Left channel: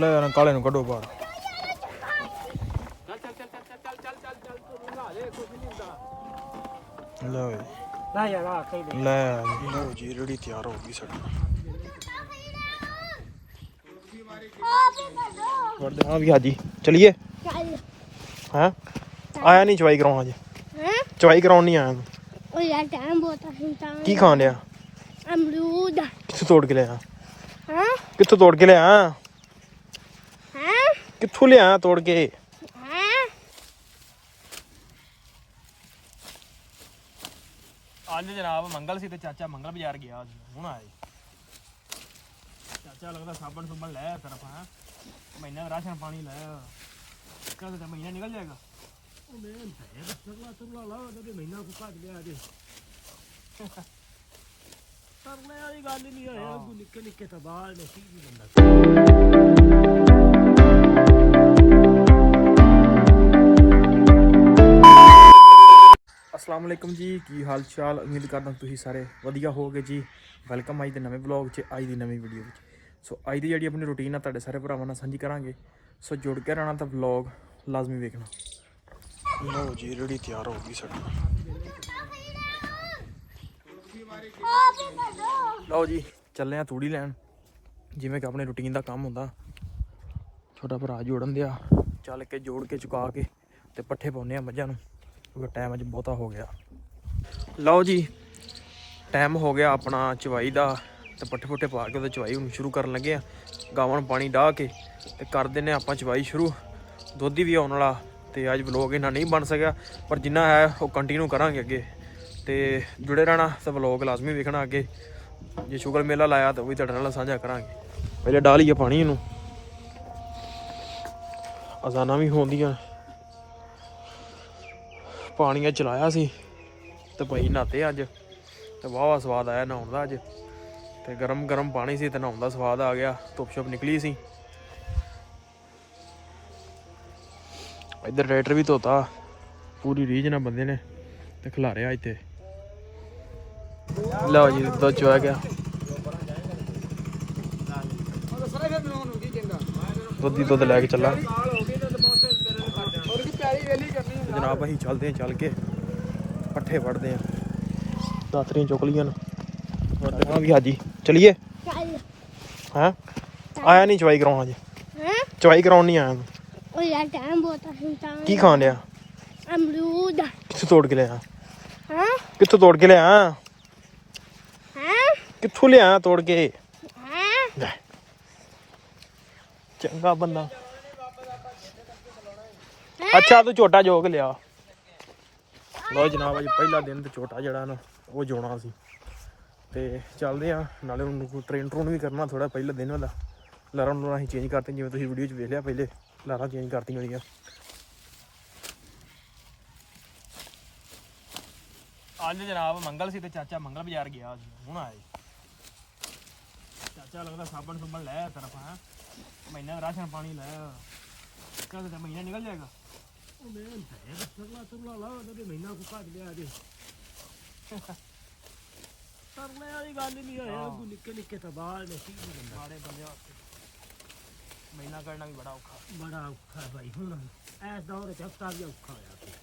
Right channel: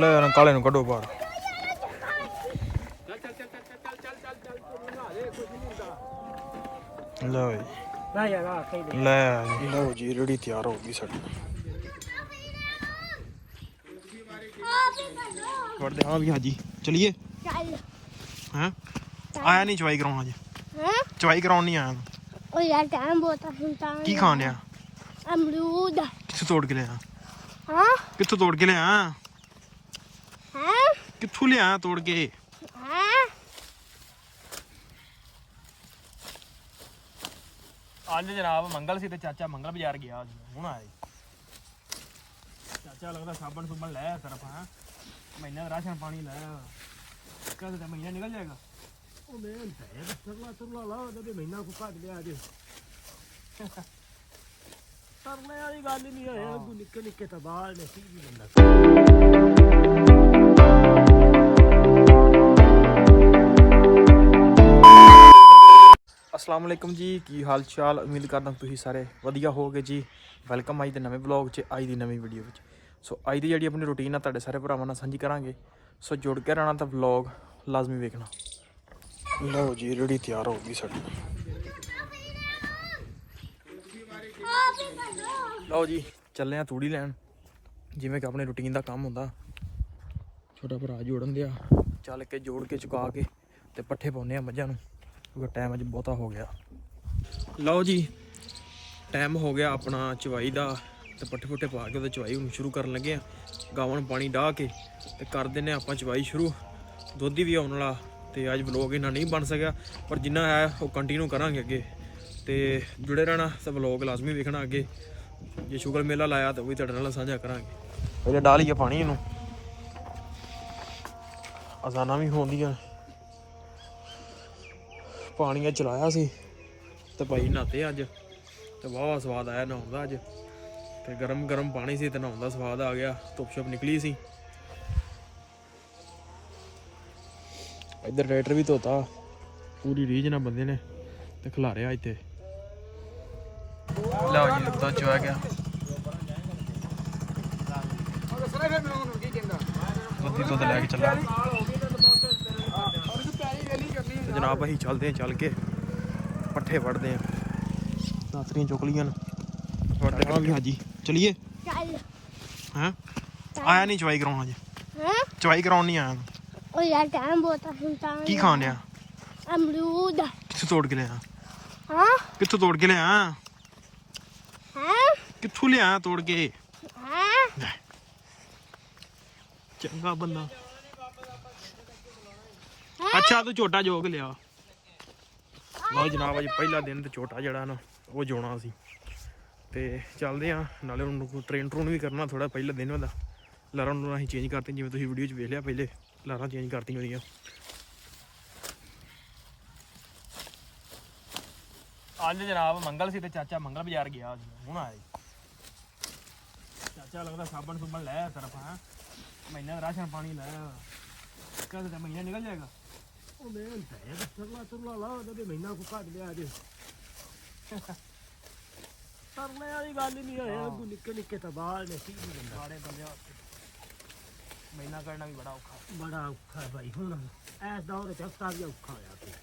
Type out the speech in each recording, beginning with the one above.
ਲੈ ਕਾਲੇ ਨੂੰ ਕੱਢੋ ਬਾਹਰ। ਲਓ ਜੀ ਰੇੜੀ ਤਿਆਰ ਹੋ ਗਈ ਸਾਡੀ। ਵੜਦੇ ਹਾਂ ਵੀ ਹਾਜੀ ਚਲੀਏ। ਹੈਂ ਆਇਆ ਨਹੀਂ ਚਵਾਈ ਕਰਾਉਣ ਅਜੇ। ਚਵਾਈ ਕਰਾਉਣ ਨਹੀਂ ਆਇਆ। ਉਹ ਯਾਰ ਟਾਈਮ ਬਹੁਤ ਆ। ਕੀ ਖਾਣ ਲਿਆ? ਅਮਰੂਦ। ਕਿੱਥੋਂ ਤੋੜ ਕੇ ਲਿਆ? ਹਾਂ ਕਿੱਥੋਂ ਤੋੜ ਕੇ ਲਿਆ? ਹਾਂ ਕਿੱਥੋਂ ਲਿਆ ਤੋੜ ਕੇ? ਹਾਂ ਅੱਜ ਜਨਾਬ ਮੰਗਲ ਸੀ ਤੇ ਚਾਚਾ ਮੰਗਲ ਬਾਜ਼ਾਰ ਗਿਆ ਹੁਣ ਆਇਆ। ਚਾਚਾ ਲੱਗਦਾ ਸਾਬਣ ਸੁਬਣ ਲੈ ਤਰਫ। ਹਾਂ ਮਹੀਨਾ ਦਾ ਰਾਸ਼ਨ ਪਾਣੀ ਲੈ ਕਦ ਤੱਕ ਮਹੀਨਾ ਨਿਕਲ ਜਾਏਗਾ। ਉਹ ਮਿਹਨਤ ਹੈ ਤਰਲਾ ਲਾ ਉਹਦੇ ਮਹੀਨਾ ਕੋ ਕੱਢ ਲਿਆ ਜੇ। ਤਰਲੇ ਵਾਲੀ ਗੱਲ ਹੀ ਨਹੀਂ ਹੋਇਆ। ਨਿੱਕੇ ਨਿੱਕੇ ਤਾਂ ਬਾਹਰ ਨੇ ਕੀ ਬੰਦਾ। अस्सलाम वालेकुम जी, की हाल चाल? उम्मीद करदा तुसीं सारे वधिया होगे जी। वैलकम अज दे नवें ब्लॉग च, अज दी नवीं वीडियो विच। सो अज दी जिहड़ी अपनी रूटीन है तुहाडे सारे भरावां नाल सांझी करांगे। सो जुड़ के रहना तो ब्लॉग लाजमी वेखना। लो जी रेड़ी तैयार हो गई साडी। लो जी चले आ तूड़ी लैन जिवें कि अपने रूटीन का काम हुंदा। छोटा भरा जोड़न दिया चल के जोड़ के चुका के ते पट्ठे पाउने आ मझां नूं क्योंकि टाइम अज बहुता हो गया। लो जी टाइम हो गया अपना चवाई का तो पट्ठे पुट्ठे पा के चवाई हम शुरू कर लगे। गावां पानी डाह के तो कर देने आप चवाई शुरू। दुध भी आने वाला तो अज व्लॉग इन्ना नहीं बन सकिया पर जिन्ना है वो कंटिन्यू करांगे अगे। तो जुड़े रहना तो व्लॉग लाजमी वेखना अगे। जे शुगर मेला लाया तो वही तुहाडे नाल साझा करांगे। पहले डालिए पानी इनू अजाना भी होंदियां। पानी चलाया सी तो भाई नहाते अज तो वाह स्वाद आया नहाउण दा। अज तो गर्म गर्म पानी सी तो नहाउण दा स्वाद आ गया। धुप शुप निकली सी। इधर ट्रैक्टर भी धोता पूरी रीझ ना बंदे ने तो खिलारिया इत्थे। लो जी दुध चुआ गया। दुधी दुध लैके चला जनाब। असीं चलते हैं चल के पट्ठे वढ़ते हैं। दातरियां चुक लियां वढ़ते हाँ भी हाजी चलिए। हैं आया नहीं चवाई कराउण अजे। चवाई कराउण नहीं आया। ਉਹ ਯਾਰ ਟਾਈਮ ਬਹੁਤ ਆ। की खान लिया? ਅਮਰੂਦ। कित्थों तोड़ के लिया? ਹਾਂ कित्थों तोड़ के लिया? ਹਾਂ कित्थों लिया तोड़ के? ਹਾਂ चंगा बंदा। अच्छा तू झोटा जोग लिया। लो जनाब अज पहला दिन तो झोटा जड़ा ना वो जोना सी ते चलते हैं नाले ट्रेन ट्रून भी करना थोड़ा पहला दिन होता। लारा अं चेंज करते जिवें तुसीं वीडियो च वेख लिया पहले लारा चेंज करती होंदियां। अज जनाब मंगल सी ते चाचा मंगल बाजार गया हुण आया। चाचा लगदा साबण सुबण लै तरफ। है महीना का राशन पानी लै कद तक महीना निकल जाएगा। ਉਹ ਮਿਹਨਤ ਹੈ ਤਰਲਾ ਲਾ ਉਹਦੇ ਮਹੀਨਾ ਕੋ ਕੱਢ ਲਿਆ ਜੇ। ਤਰਲੇ ਵਾਲੀ ਗੱਲ ਹੀ ਨਹੀਂ ਹੋਇਆ। ਨਿੱਕੇ ਨਿੱਕੇ ਤਾਂ ਬਾਹਰ ਨੇ ਕੀ ਬੰਦਾ। ਸਾਰੇ ਬੰਦੇ ਮਹੀਨਾ ਕੱਢਣਾ ਵੀ ਬੜਾ ਔਖਾ ਭਾਈ। ਹੁਣ ਇਸ ਦੌਰ ਚ ਹਫਤਾ ਵੀ ਔਖਾ ਹੋਇਆ ਪਿਆ।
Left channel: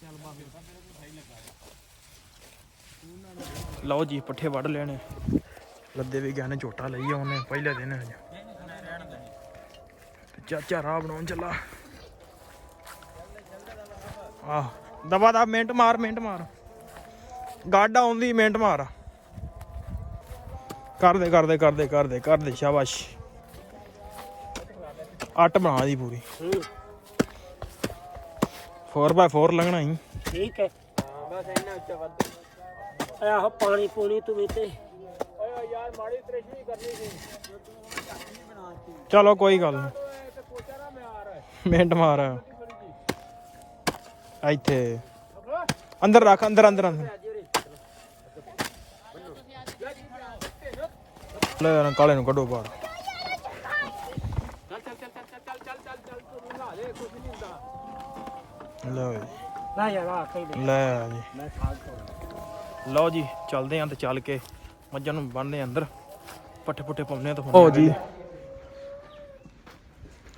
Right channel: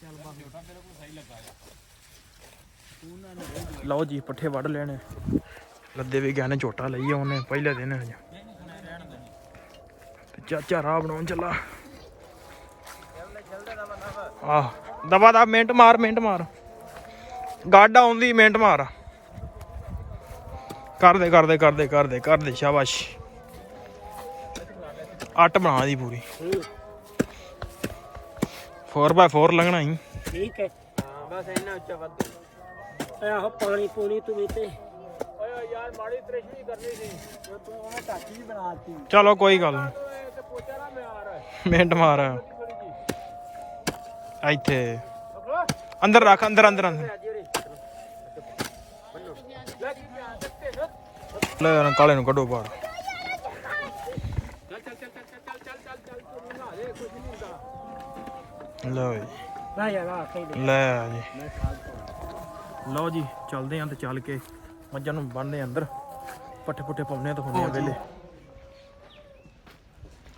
ਚੱਲ ਬਾਬੇ ਸਹੀ ਲੱਗਾ। ਲਓ ਜੀ ਪੱਠੇ ਵੱਢ ਲੈਣੇ। ਲੱਦੇ ਵੀ ਗਏ ਨੇ ਝੋਟਾ ਲਈ ਉਹਨੇ ਪਹਿਲੇ ਦਿਨ ਹਜੇ ਤੇ ਚਾਚਾ ਰਾਹ ਬਣਾਉਣ ਚੱਲਾ। ਆਹ ਦਬਾ ਦਾ ਮਿੰਟ ਮਾਰ ਗਾਡਾ ਆਉਂਦੀ ਮਿੰਟ ਮਾਰ। ਕਰਦੇ ਸ਼ਾਬਾਸ਼। 8 ਬਣਾ ਦੀ ਪੂਰੀ 4x4 ਲੰਘਣਾ ਹੀ ਠੀਕ ਹੈ। ਬਸ ਇੰਨਾ ਉੱਚਾ ਵੱਧ ਆਹ ਪਾਣੀ ਪੂਣੀ ਤੂੰ ਵੀ ਤੇ ਯਾਰ ਮਾੜੀ ਤ੍ਰਿਸ਼ਨੀ ਕਰਨੀ ਸੀ ਬਣਾਤੀ। ਚਲੋ ਕੋਈ ਗੱਲ ਨਹੀਂ ਮਿੰਟ ਮਾਰ ਇੱਥੇ ਅੰਦਰ ਰੱਖ ਅੰਦਰ ਲੈ ਕਾਲੇ ਨੂੰ ਕੱਢੋ ਬਾਹਰ। ਲਓ ਜੀ ਚੱਲਦੇ ਆਂ ਤੇ ਚੱਲ ਕੇ ਮੱਝਾਂ ਨੂੰ ਬੰਨ੍ਹਦੇ ਅੰਦਰ ਪੱਠੇ ਪੁੱਠੇ ਪਾਉਂਦੇ ਆ। ਤਾਂ ਜੀ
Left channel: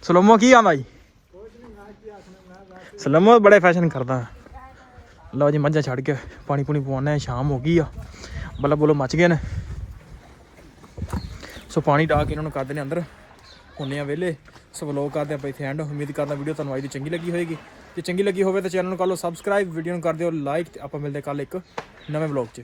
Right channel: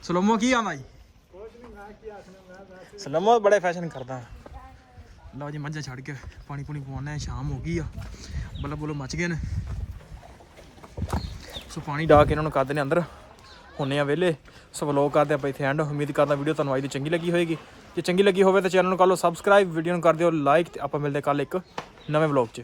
ਸਲੋਮੋ ਕੀ ਆਂਦਾ ਜੀ ਸਲੋਮੋ ਬੜੇ ਫੈਸ਼ਨ ਕਰਦਾ ਲਓ ਜੀ ਮੱਝਾਂ ਛੱਡ ਕੇ ਪਾਣੀ ਪੂਣੀ ਪਵਾਉਣਾ ਸ਼ਾਮ ਹੋ ਗਈ ਆ ਬੱਲਾ ਬੋਲੋ ਮੱਚ ਗਏ ਨੇ ਸੋ ਪਾਣੀ ਡਾ ਕੇ ਇਹਨਾਂ ਨੂੰ ਕਰਦੇ ਨੇ ਅੰਦਰ ਹੁੰਨੇ ਆ ਵਿਹਲੇ ਸੋ ਵਲੋਗ ਕਰਦੇ ਆਪਾਂ ਇੱਥੇ ਐਂਡ ਉਮੀਦ ਕਰਦਾ ਵੀਡੀਓ ਤੁਹਾਨੂੰ ਅੱਜ ਦੀ ਚੰਗੀ ਲੱਗੀ ਹੋਏਗੀ ਜੇ ਚੰਗੀ ਲੱਗੀ ਹੋਵੇ ਤਾਂ ਚੈਨਲ ਨੂੰ ਕਰ ਲਓ ਸਬਸਕ੍ਰਾਈਬ ਵੀਡੀਓ ਨੂੰ ਕਰ ਦਿਓ ਲਾਈਕ ਤੇ ਆਪਾਂ ਮਿਲਦੇ ਕੱਲ ਇੱਕ ਨਵੇਂ ਵਲੋਗ 'ਚ